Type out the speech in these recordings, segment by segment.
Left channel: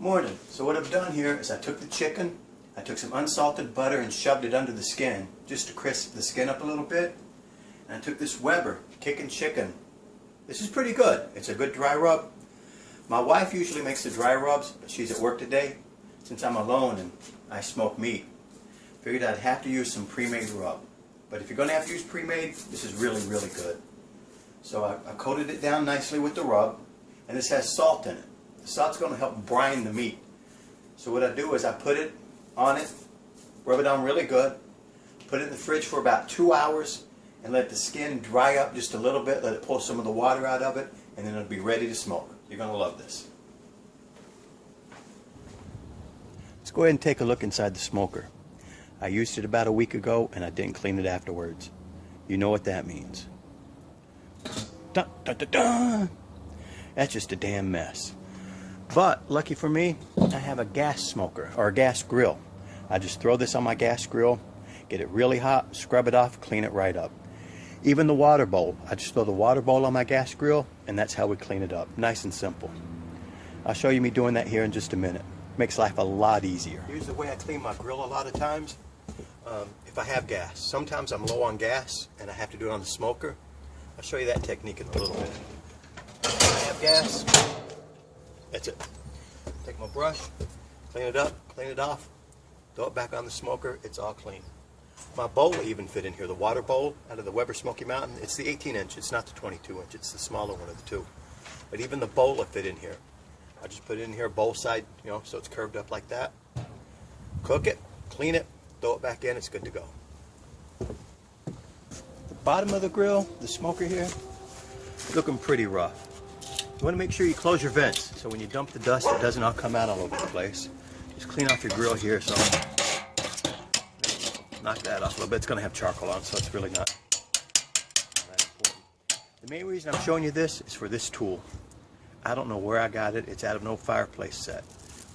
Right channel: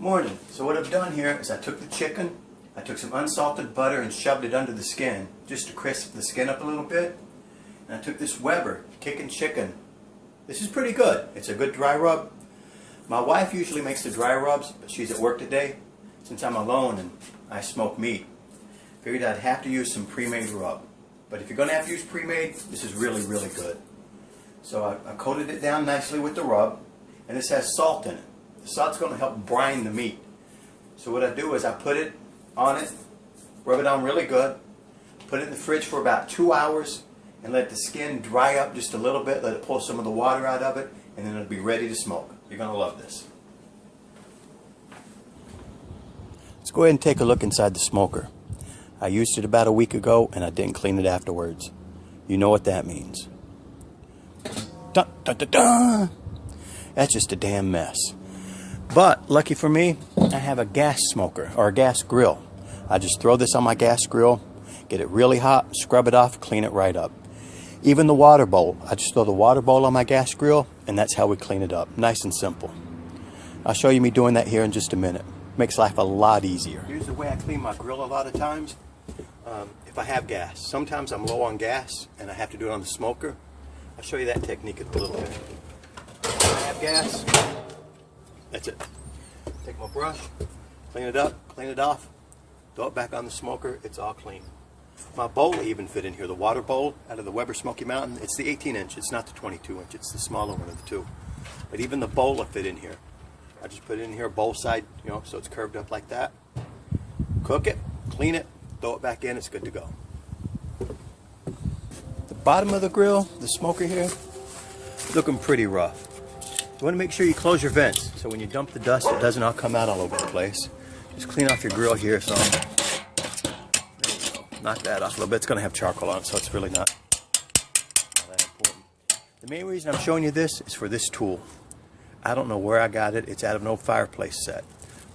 Morning. So what I've done here is I took the chicken, I took some unsalted butter and shoved it under the skin just to crisp the skin up a little bit. And I took this Weber kicking chicken. This is pretty good. It's a good dry rub. My wife usually makes the dry rubs, but she's at work today. Since I'm alone and I smoke meat, figured I'd have to use some pre-made rub. But if you're going to have to use pre-made, this is really, really good. So I coated it down nicely with the rub, and this has salt in it. The salt's going to help brine the meat. So what I do is I put it on it, rub it on really good, put it in the fridge for about 2 hours, and let the skin dry up just a little bit, let it pull some of the water out of it, and then it'll be ready to smoke. You're going to love this. Let's go ahead and take a look inside the smoker. I used it about a week ago, and I didn't clean it afterwards. You know what that means. Dun, dun, dun, dun. That's just a damn mess. But lucky for me, I have a gas smoker or a gas grill. I just throw this on my gas grill, get it really hot, scrub it off, clean it right up. Even the water bowl, I just throw the water bowl on my gas grill, and that's how we clean it up. Nice and simple. I'll show you me doing that here in just a minute. Makes life a lot easier. Here's the way I clean my grill a lot of times. If I have gas, sometimes I'm low on gas and I have to do it on the smoker. I'll show you that technique in a little bit. If I have gas, that's it. Take my brush, clean it up, clean it off, throw it back on the smoker, it's all clean. My bowl even fit in here, the water bowl out of the Weber Smoky Mountain. It's the 18-inch, it's not the 22-inch, it's the smaller one of the two. But even the bowl will fit in here. I just put it in here, bowl side, you know, so it's curved up like that. Cook it, clean it, throw it back in, it's good to go. The bottom of the grill, the smoker here, looking pretty rough. You want to make sure you close your vents, so when you dump the dust, it doesn't all come out all over the place. Just clean off your grill here, so knock that off a little bit. It's going to have charcoal on, so it's really not that important. The main reason I'm showing you this is for this tool. I don't know where I got it. It's out of an old fireplace set,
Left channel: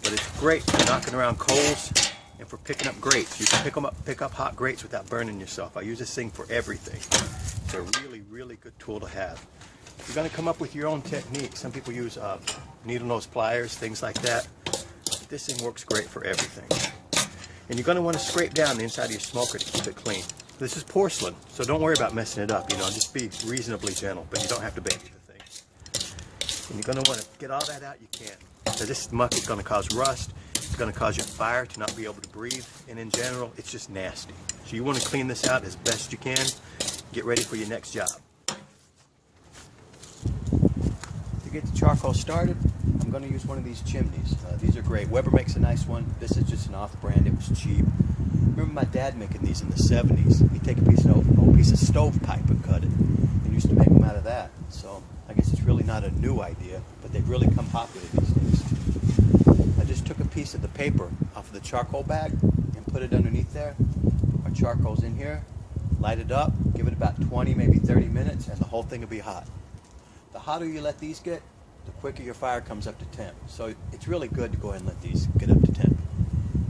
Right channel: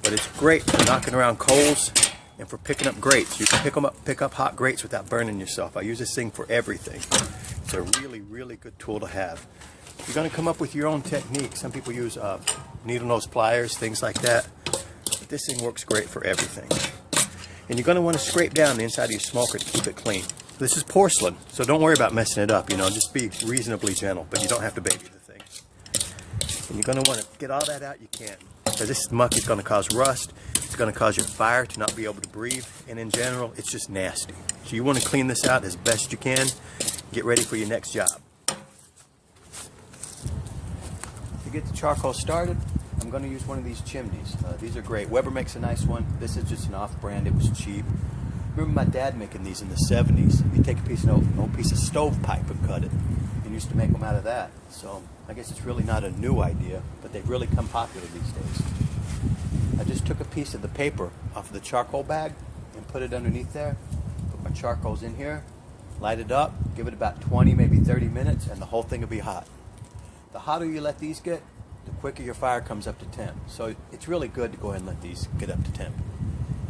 but it's great for knocking around coals and for picking up grates. You can pick up hot grates without burning yourself. I use this thing for everything. It's a really, really good tool to have. You're going to come up with your own technique. Some people use needle nose pliers, things like that. But this thing works great for everything. And you're going to want to scrape down the inside of your smoker to keep it clean. This is porcelain, so don't worry about messing it up. You know, just be reasonably gentle, but you don't have to baby the thing. And you're going to want to get all that out you can. So this muck is going to cause rust. It's going to cause your fire to not be able to breathe. And in general, it's just nasty. So you want to clean this out as best you can. Get ready for your next job. Get the charcoal started, I'm going to use one of these chimneys. These are great. Weber makes a nice one. This is just an off-brand. It was cheap. Remember my dad making these in the 70s. He'd take an old piece of stovepipe and cut it. And used to make them out of that. So I guess it's really not a new idea, but they've really come popular these days. I just took a piece of the paper off of the charcoal bag and put it underneath there. Put my charcoals in here, light it up, give it about 20, maybe 30 minutes, and the whole thing will be hot. The hotter you let these get, the quicker your fire comes up to temp. So it's really good to go ahead and let these get up to temp.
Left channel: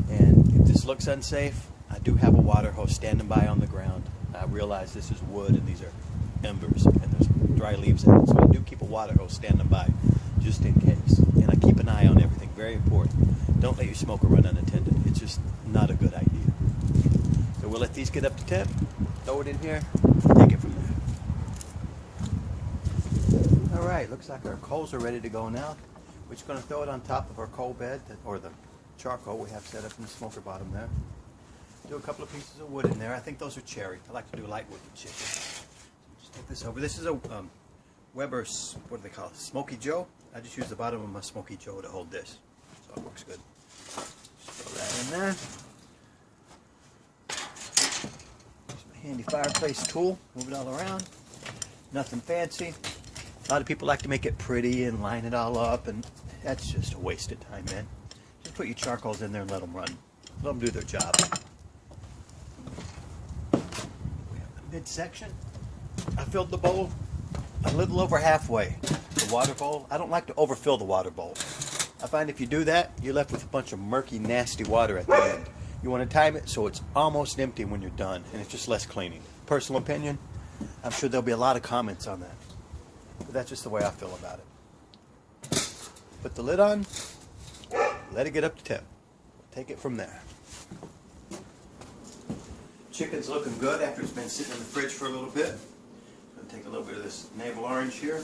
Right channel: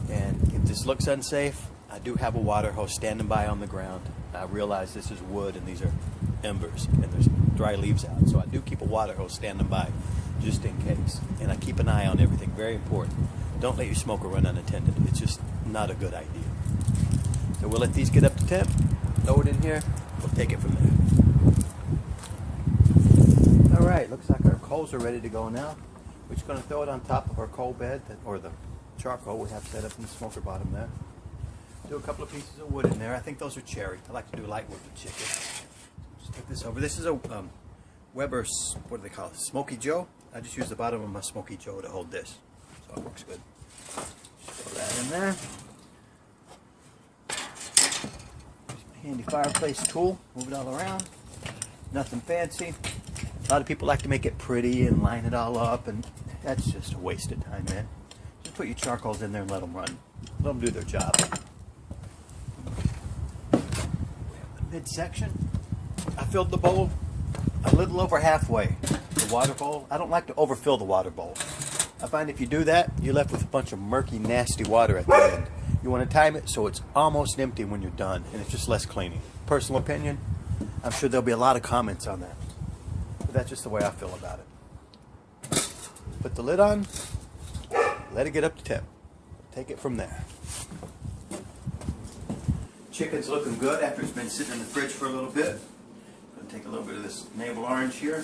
And if this looks unsafe, I do have a water hose standing by on the ground. I realize this is wood and these are embers and there's dry leaves in it. So I do keep a water hose standing by just in case. And I keep an eye on everything, very important. Don't let your smoker run unattended. It's just not a good idea. So we'll let these get up to temp, throw it in here, take it from there. Alright, looks like our coals are ready to go now. We're just going to throw it on top of our coal bed, or the charcoal we have set up in the smoker bottom there. Do a couple of pieces of wood in there. I think those are cherry. I like to do light wood with chicken. So just take this over. This is a Weber, what do they call it? Smokey Joe. I just use the bottom of my Smokey Joe to hold this. So it works good. Just throw that in there. Use my handy fireplace tool. Move it all around. Nothing fancy. A lot of people like to make it pretty and line it all up, and that's just a waste of time, man. Just put your charcoals in there and let them run. Let them do their job. We have the midsection. I filled the bowl a little over halfway. The water bowl. I don't like to overfill the water bowl. I find if you do that, you're left with a bunch of murky, nasty water at the end. You want to time it so it's almost empty when you're done, and it's just less cleaning. Personal opinion. I'm sure there'll be a lot of comments on that. But that's just the way I feel about it. Put the lid on, let it get up to temp. We'll take it from there. Chicken's looking good after it's been sitting in the fridge for a little bit. I'm going to take a little bit of this navel orange here.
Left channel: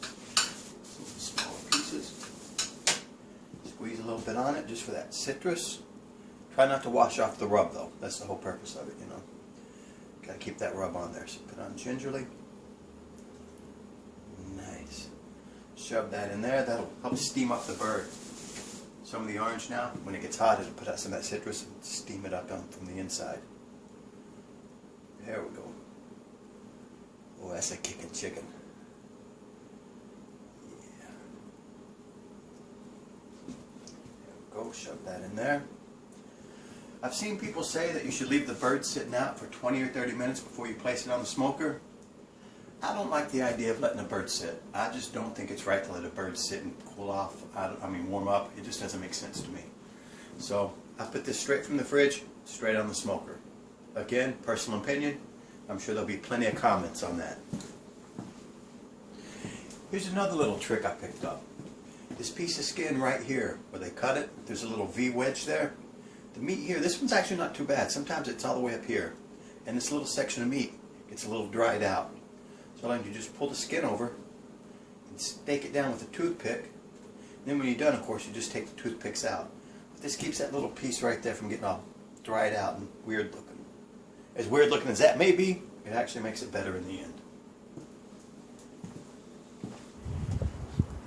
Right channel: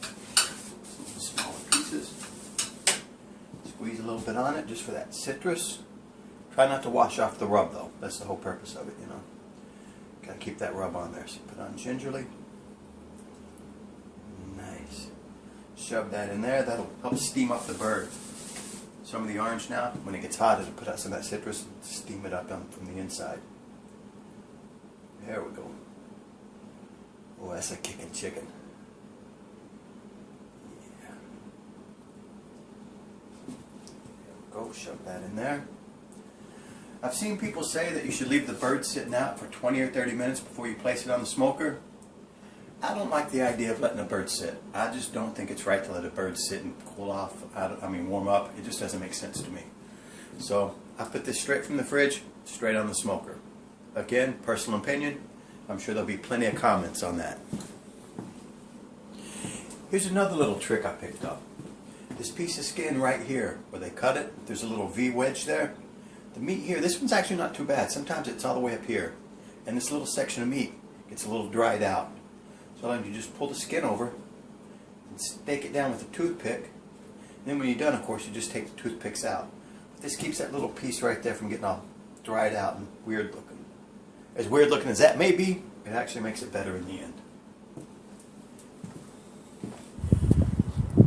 Some smaller pieces. Squeeze a little bit on it just for that citrus. Try not to wash off the rub though. That's the whole purpose of it, you know. Gotta keep that rub on there. So you put it on gingerly. Nice. Shove that in there. That'll help steam up the bird. Some of the orange now, when it gets hot, it'll put out some of that citrus and steam it up from the inside. There we go. Oh, that's a kicking chicken. Yeah. There we go. Shove that in there. I've seen people say that you should leave the bird sitting out for 20 or 30 minutes before you place it on the smoker. I don't like the idea of letting a bird sit. I just don't think it's right to let a bird sit and cool off, warm up. It just doesn't make sense to me. So I put this straight from the fridge, straight on the smoker. Again, personal opinion. I'm sure there'll be plenty of comments on that. Here's another little trick I picked up. This piece of skin right here, where they cut it, there's a little V wedge there. The meat here, this one's actually not too bad. Sometimes it's all the way up here. And this little section of meat gets a little dried out. So then you just pull the skin over and stake it down with a toothpick. And then when you're done, of course, you just take the toothpicks out. But this keeps that little piece right there from getting all dried out and weird looking. As weird looking as that may be, it actually makes it better in the end.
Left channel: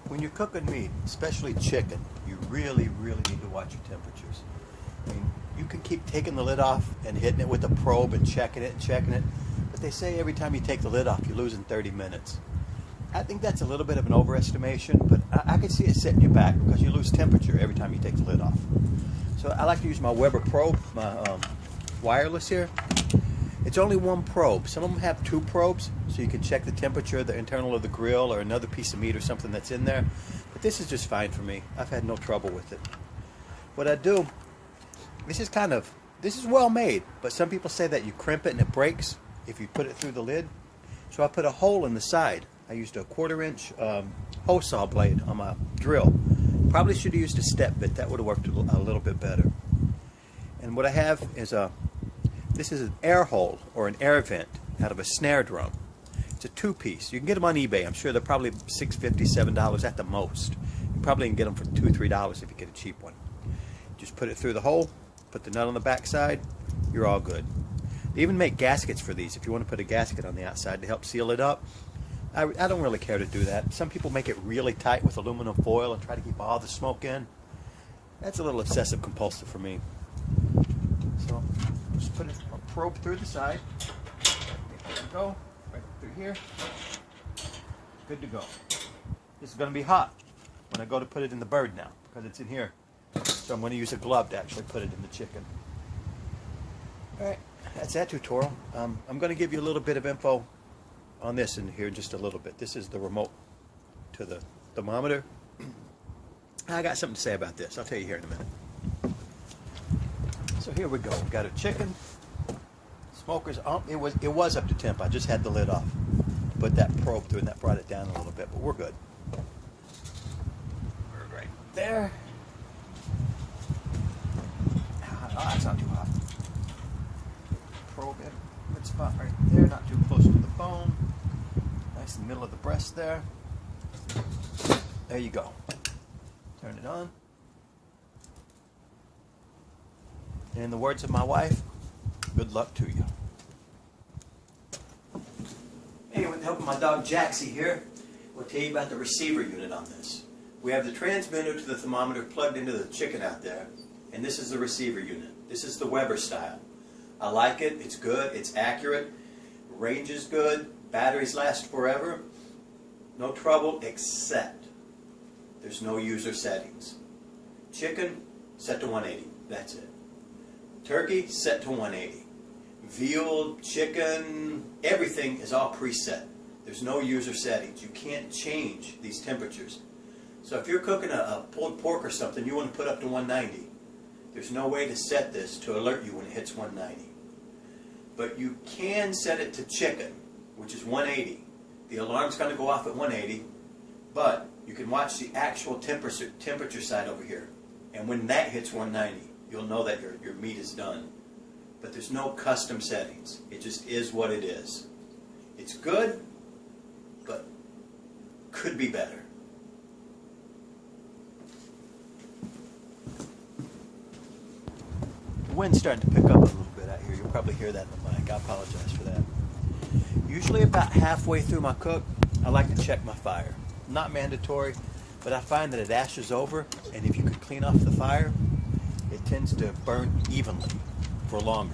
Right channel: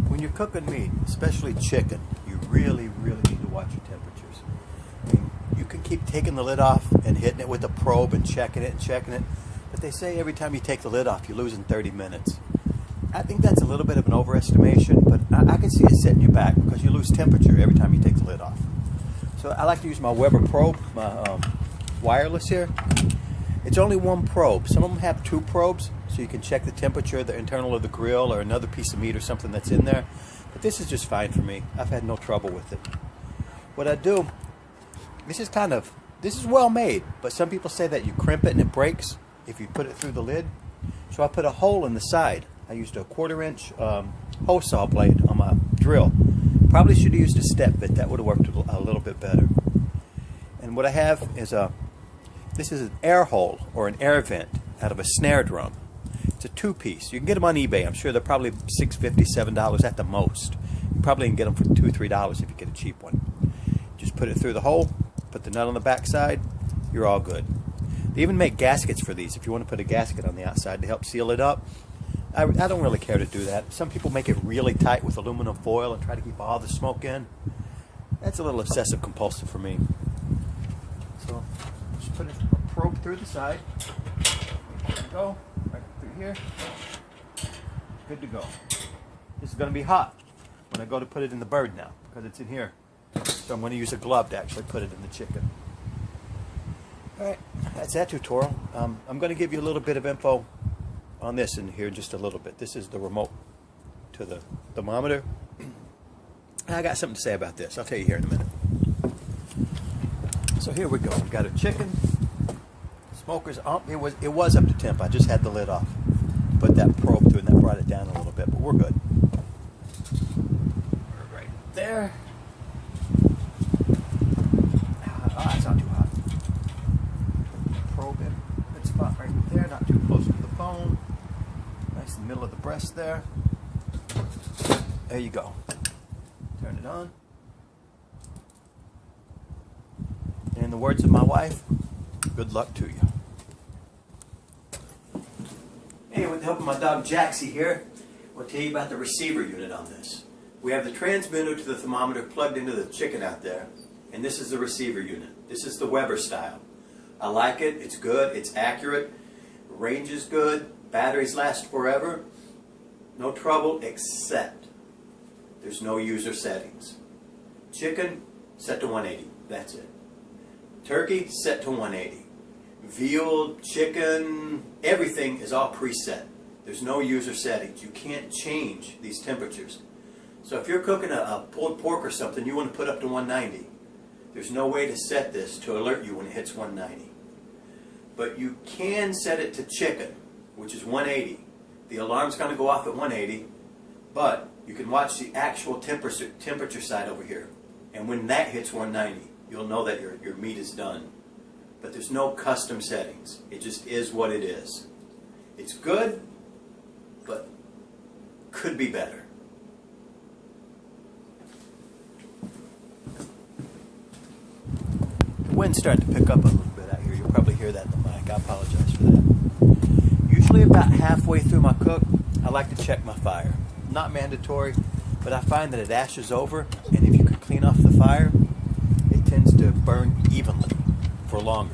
When you're cooking meat, especially chicken, you really need to watch your temperatures. I mean, you can keep taking the lid off and hitting it with a probe and checking it, but they say every time you take the lid off, you're losing 30 minutes. I think that's a little bit of an overestimation, but I can see it setting you back because you lose temperature every time you take the lid off. So I like to use my Weber probe, my wireless here. It's only one probe. Some of them have two probes, so you can check the temperature, the internal of the grill, or another piece of meat or something that's in there. But this is just fine for me. I've had no trouble with it. What I do, this is well made, but some people say that you crimp it and it breaks if you put it through the lid. So I put a hole in the side. I used a 1/4-inch hose saw blade on my drill. Probably should have used a step bit. That would have worked a little bit better. And what I have is this is an air hole or an air vent out of a snare drum. It's a 2-piece. You can get them on eBay. I'm sure they're probably $6.50, $7 at the most. You probably can get them for $2 or $3 if you get a cheap one. Just put it through the hole, put the nut on the back side, you're all good. They even make gaskets for these if you want to put a gasket on the outside to help seal it up. I don't really care to do that. Some people make it really tight with aluminum foil and try to keep all the smoke in. That's a little obsessive compulsive for me. So just put a probe through the side. There we go, right up through here. Good to go. This is going to be hot when I go to put it in the bird now because it's in here. So I'm going to use a glove to actually put it in the chicken. Alright, that's that tutorial. I'm going to give you a little bit of info on this in here just a little bit. This is the remote to the thermometer. I got something to say about this. I'll tell you here in a minute. So here we go. We've got a chicken. Smoker's up. It was up to temp. I just had the lid off. Put that probe through and that brought it down a little bit, but we're good. We're right there. Oh, that's not too hot. Probe in. Good spot right there. Not too close to the bone. Nice in the middle of the breast there. There you go. Turn it on. And in the words of my wife, good luck to you. Hey, with the help of my dog Jaxie here, we'll tell you about the receiver unit on this. We have the transmitter to the thermometer plugged into the chicken out there, and this is the receiver unit. This is the Weber style. I like it. It's good. It's accurate. Range is good. Batteries last forever. No trouble except there's no user settings. Chicken, set to 180. That's it. Turkey, set to 180. Veal, chicken, everything is all preset. There's no user settings. You can't change these temperatures. So if you're cooking a pulled pork or something, you want to put up to 190. There's no way to set this to alert you when it hits 190. But you can set it to chicken, which is 180. The alarm's going to go off at 180, but You can watch the actual temperature side over here. And when that hits 190, you'll know that your meat is done. But there's no custom settings. It just is what it is. It's good, but could be better. The wind's starting to pick up a little bit out here. You'll probably hear that in the mic. I apologize for that. Usually about halfway through my cook, I like to check my fire. Not mandatory, but I find that it ashes over, and if you can clean off the fire, it tends to burn evenly for longer.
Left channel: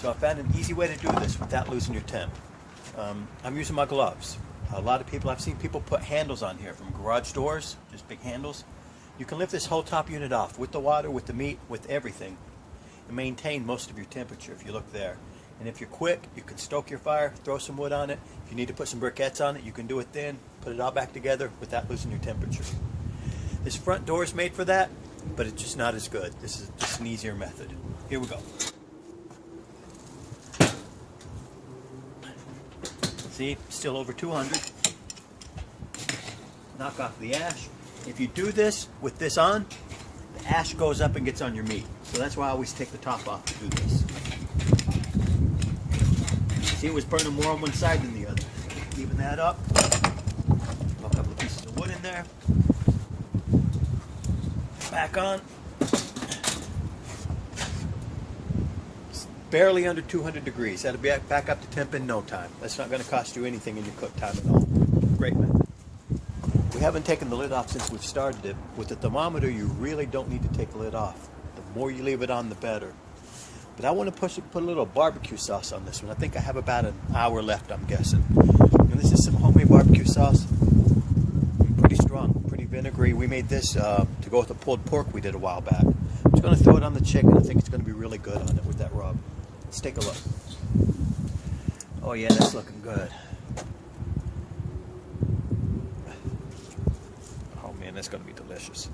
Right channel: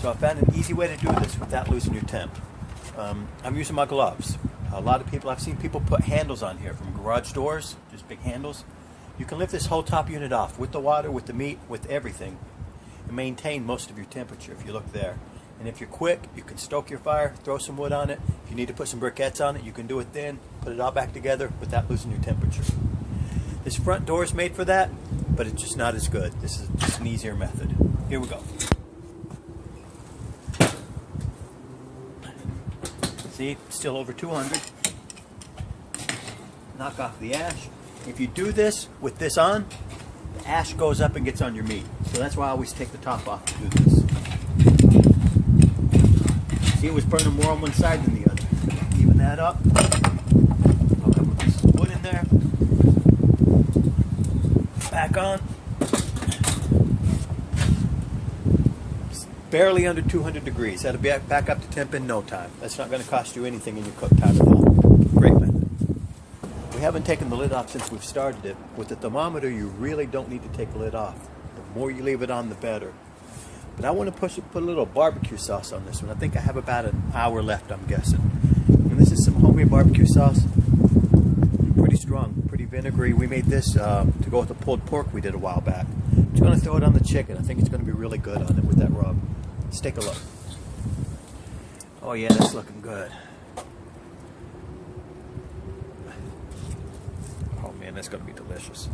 So I found an easy way to do this without losing your temp. I'm using my gloves. A lot of people, I've seen people put handles on here from garage doors, just big handles. You can lift this whole top unit off with the water, with the meat, with everything, and maintain most of your temperature if you look there. And if you're quick, you can stoke your fire, throw some wood on it. If you need to put some briquettes on it, you can do it then, put it all back together without losing your temperature. This front door is made for that, but it's just not as good. This is just an easier method. Here we go. See, still over 200. Knock off the ash. If you do this with this on, the ash goes up and gets on your meat. So that's why I always take the top off to do this. See, it was burning more on one side than the other. Even that up. Put a couple of pieces of wood in there. Back on. It's barely under 200 degrees. That'll be back up to temp in no time. That's not going to cost you anything in your cook time at all. Great method. We haven't taken the lid off since we've started it. With the thermometer, you really don't need to take the lid off. The more you leave it on, the better. But I want to put a little barbecue sauce on this one. I think I have about an hour left, I'm guessing. And this is some homemade barbecue sauce. Pretty strong, pretty vinegary. We made this to go with the pulled pork we did a while back. I'm just going to throw it on the chicken. I think it's going to be really good on it with that rub. Let's take a look. Oh yeah, that's looking good. Oh man, that's going to be delicious.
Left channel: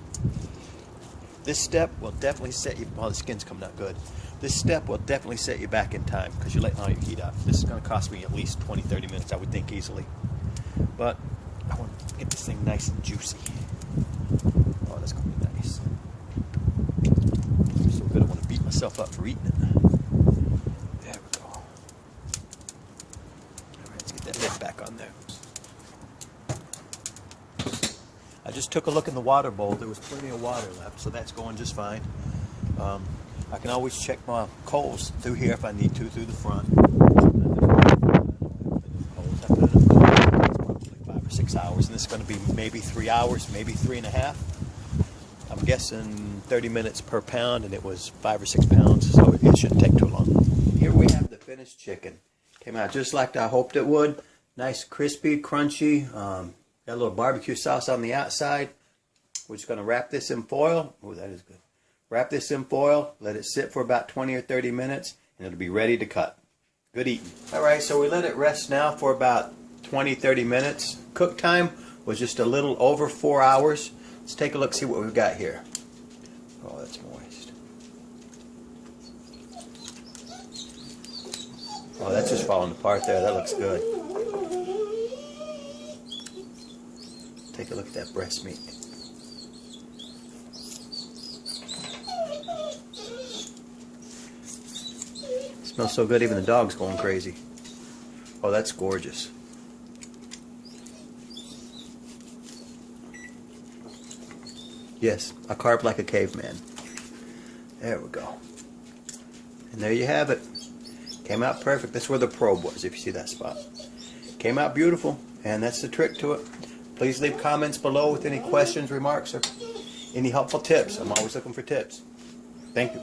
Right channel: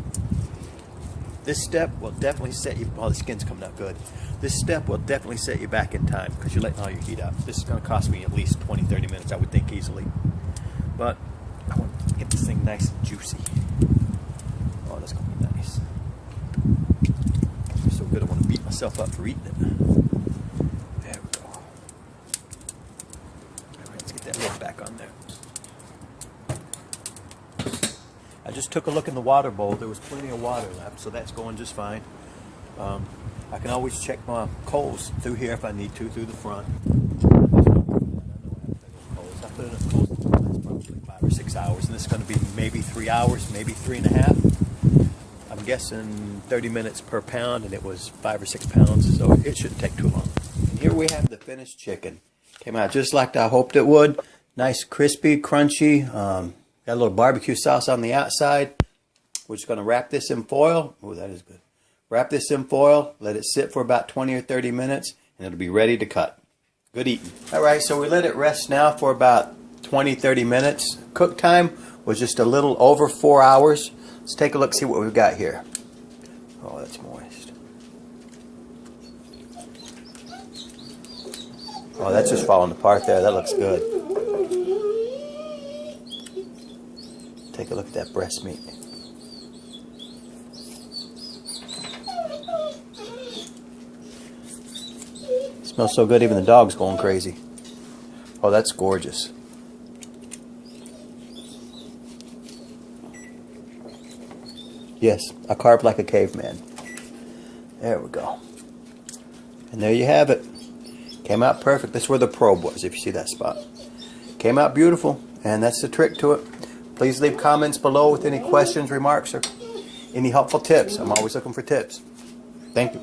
This step will definitely set you, oh, the skin's coming out good. This step will definitely set you back in time because you're letting all your heat out. This is going to cost me at least 20-30 minutes, I would think, easily. But I want to get this thing nice and juicy. Oh, that's going to be nice. So good, I want to beat myself up for eating it. There we go. All right, let's get that lid back on there. I just took a look in the water bowl. There was plenty of water left, so that's going just fine. I can always check my coals through here if I need to, through the front. I put it in the coal. It's about 5 or 6 hours, and this is going to be maybe 3 hours, maybe 3.5. I'm guessing 30 minutes per pound, and it was 5 or 6 pounds, so it shouldn't take too long. And here we have the finished chicken. Came out just like I hoped it would. Nice, crispy, crunchy. Got a little barbecue sauce on the outside. We're just going to wrap this in foil. Oh, that is good. Wrap this in foil, let it sit for about 20 or 30 minutes, and it'll be ready to cut. Good eating. All right, so we let it rest now for about 20-30 minutes. Cook time was just a little over 4 hours. Let's take a look, see what we've got here. Oh, that's moist. Oh, that's just falling apart there. That looks good. Take a look at that breast meat. Smells so good, even the dog's going crazy. Oh, that's gorgeous. Yes, I carved like a caveman. There we go. And there you have it. Came out perfect. That's where the probe was, if you see that spot. Came out beautiful, and that's the trick to it. Please leave comments below with any questions, remarks, or any helpful tips. I'm always looking for tips. Thank you.